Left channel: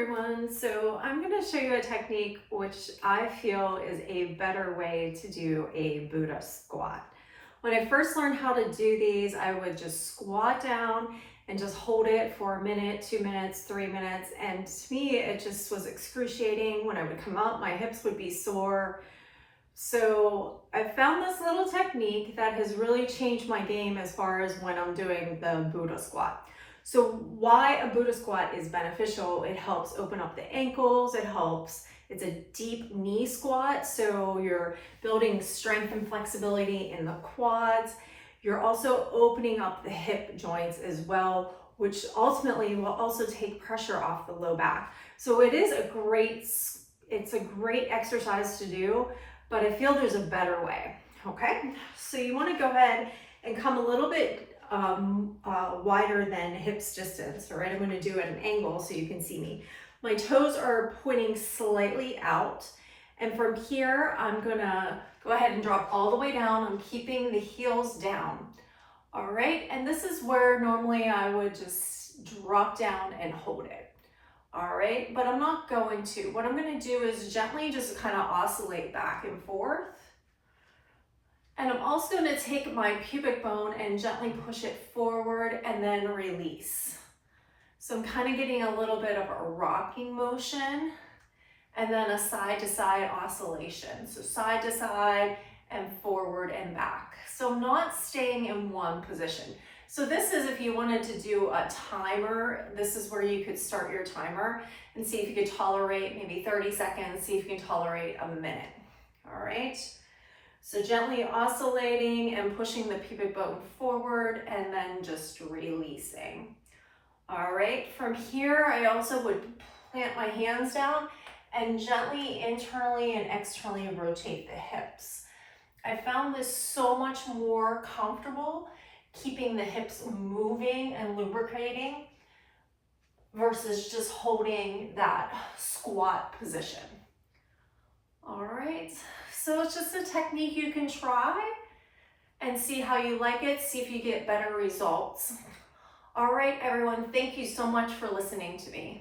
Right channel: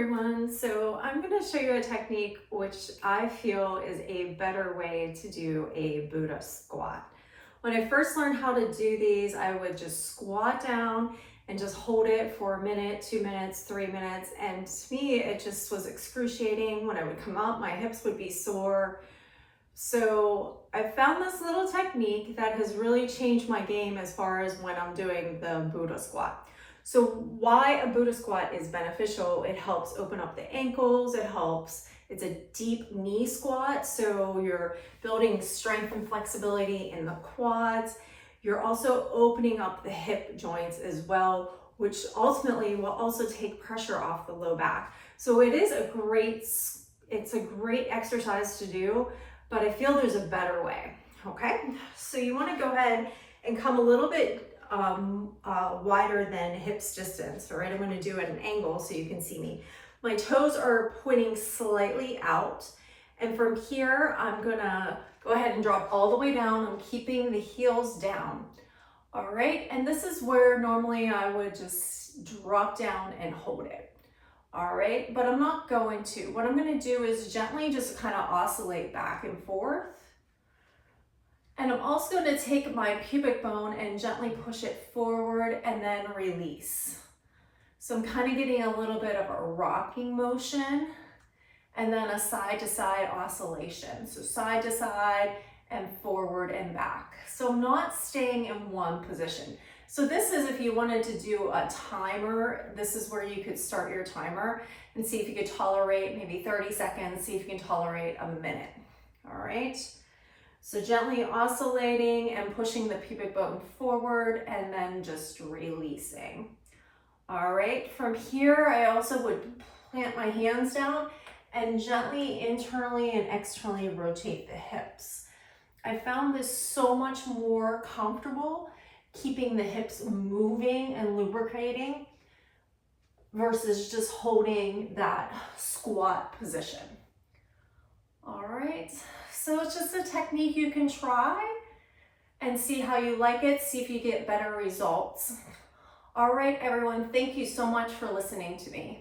everyone. So I'm going to show you a technique which I feel is a better way to do a Buddha squat. When I first learned how to do these, I would just squat down and just hold it for a minute, 2 minutes, 3 minutes. And to me, it just was excruciating. When I would come up, my hips would be sore. So I found this little technique that has really changed my game as far as when I'm doing the Buddha squat. So why a Buddha squat is beneficial, it helps open up the ankles, it's a deep knee squat, so you're building strength and flexibility in the quads. You're also opening up the hip joints as well, which ultimately will also take pressure off the low back. So it's a great exercise to do, but I feel there's a better way, okay? So you wanna go ahead and come a little bit wider than hips distance, all right? I'm gonna do it at an angle so you can see me. My toes are pointing slightly out, and from here, I'm gonna go ahead and drop all the way down. I'm keeping the heels down, all right? And this is where normally I would just drop down and hold it, all right? But I'm not going to. What I'm gonna do is gently just kind of oscillate back and forth. And I'm also going to take my pubic bone and gently push it forward and then release. So I'm kind of getting a little bit of a rocking motion and then a side to side oscillation. So side to side and forward and back. So I'm not staying in one position. So this is if you wanted to do a timer, this is where you could start your timer and see if you could tolerate maybe 30 seconds, see if you can tolerate a minute. All right. So gently oscillating and pushing the pubic bone forward and then just releasing. All right, from here, I also would plant my hands down and gently internally and externally rotate the hips. I found this so much more comfortable keeping the hips moving and lubricating versus just holding that squat position. All right. So it's just a technique you can try and see how you like it, see if you get better results. All right, everyone, thank you so much for listening to me.